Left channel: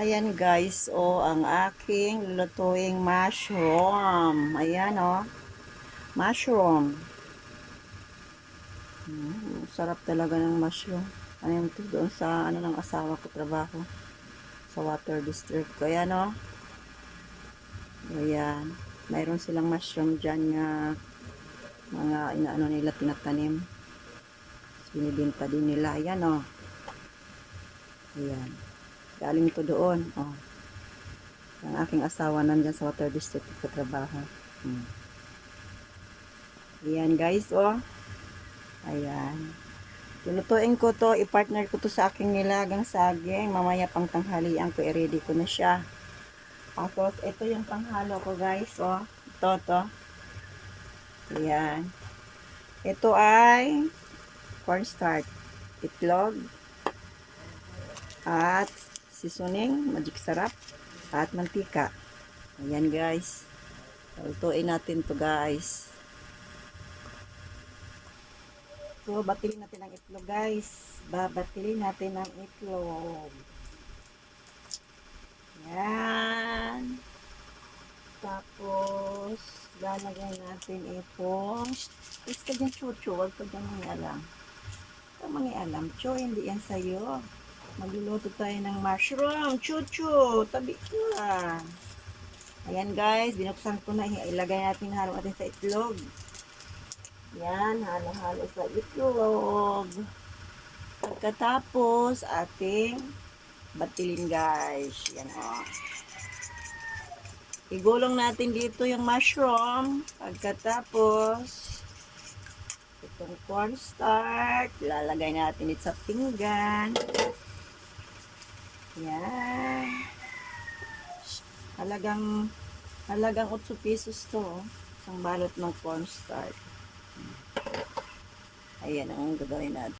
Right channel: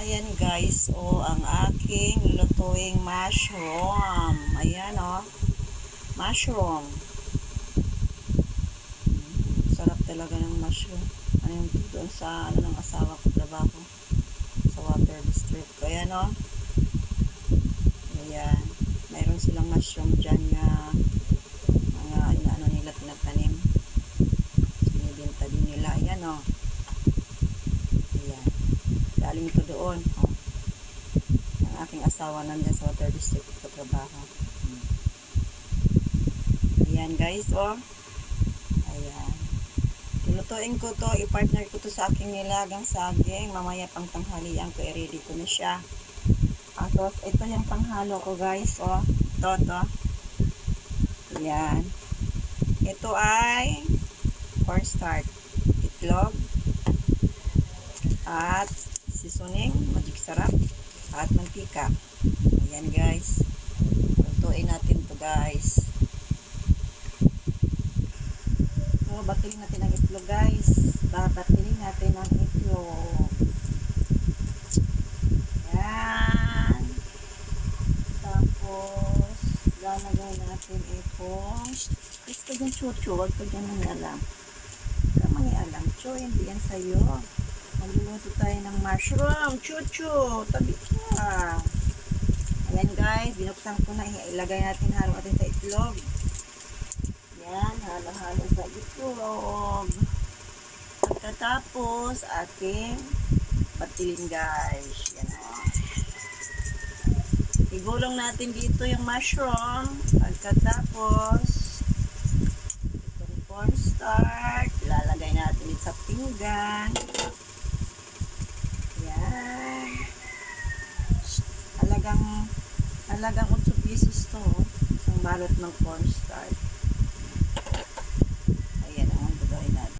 Ayan guys, ang aking lulutuing mushroom. Ayan mushroom. Sarap talaga ng mushroom. Ano yung doon sa ng asawa ko trabaho sa water district. Ayan Ayan. Mayroon silang mushroom dyan nga mga nila tinatanim. Binibenta din nila. Ayan Ayan. Galing ito doon. Ang aking asawa nandyan sa water district sa trabaho. Ayan guys Ayan. Lulutuin ko to, i-partner ko to sa aking nilagang saging. Mamaya pang tanghalian ko, i-ready ko na siya. Tapos ito yung panghalo ko guys Ito. Ayan. Ito ay cornstarch, itlog, at seasoning, magic sarap, at mantika. Ayan guys. Lutuin natin to guys. So, batilin natin ang itlog guys. Babatilin natin ang itlog. Ayan. Tapos, lalagay natin itong is ka dyan chuchu. Huwag ka dyan mangialam. Huwag ka mangialam. Cho, hindi yan sa'yo. Magluluto tayo ng mushroom. Chuchu, tabi ka. Ayan guys, binuksan ko na. Ilagay natin, halo natin sa itlog. Yan, halo-halo sa itlog. Pagkatapos, ating batilin guys. Yan igulong natin dito yung mushroom. Pagkatapos, itong cornstarch, lalagay natin ito sa pinggan. Yan. Halagang 8 pesos to. Isang balot ng cornstarch. Ayan ang gagawin natin.